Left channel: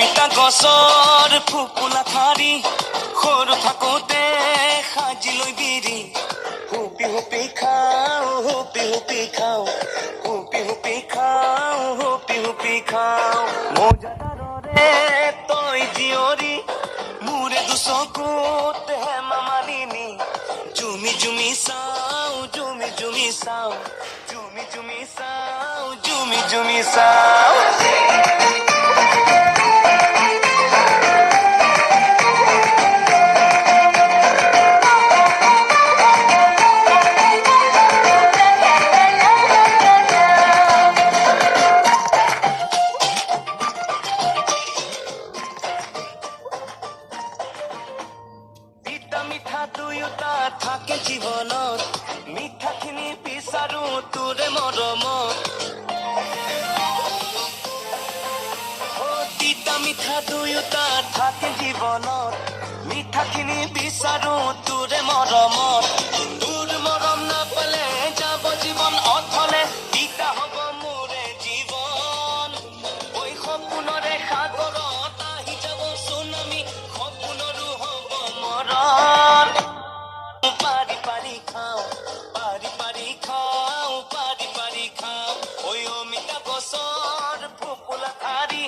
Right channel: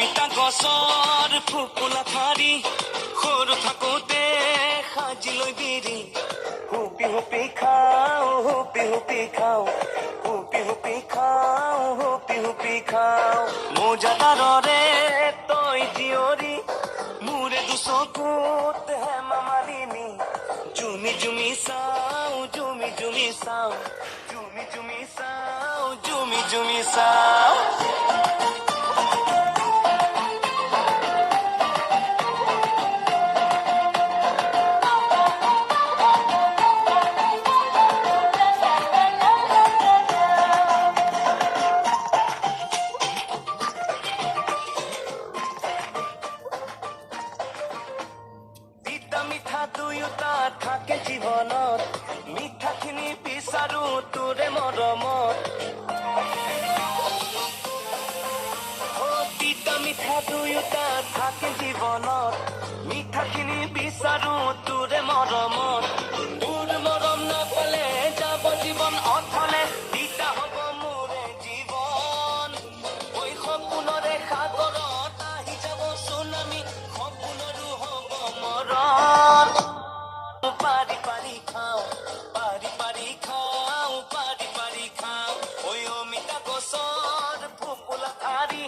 অমিতা গছৰ ফুপুলা ঠাৰি সৰু থাকোঁতে সাজি লৈ বিৰি হুপি হুপি খাওঁ হুপি হুপি খাওঁ হুপি হুপি খাওঁ হুপি হুপি খাওঁ মৌজাদাৰৰে তই জীয়ৰী মোৰে দুচকুত হেমা মালিনী জুমি জুমি চাওঁ জুমি জুমি চাওঁ জুমি জুমি চাওঁ জুমি জুমি চাওঁ মিঠা দুয়োটা থাকে জীৱনত মিঠাখিনি বিচাৰো তোৰে মৰমত তিতা মিঠা দুয়োটা থাকে জীৱনত মিঠাখিনি বিচাৰো তোৰে মৰমত তোৰ মৰম নাপালে যাব জীৱন অথলে তিতা হ'ব মোৰে জীৱন ঐ সপোনৰে সাগৰত আহি যাব চুনামি সপোনৰো হ'ব মৰণ পাৰি পাৰি খাওঁ পাৰি পাৰি খাওঁ পাৰি পাৰি খাওঁ ঐ অমিতা গছৰ ফুপুলা ঠাৰি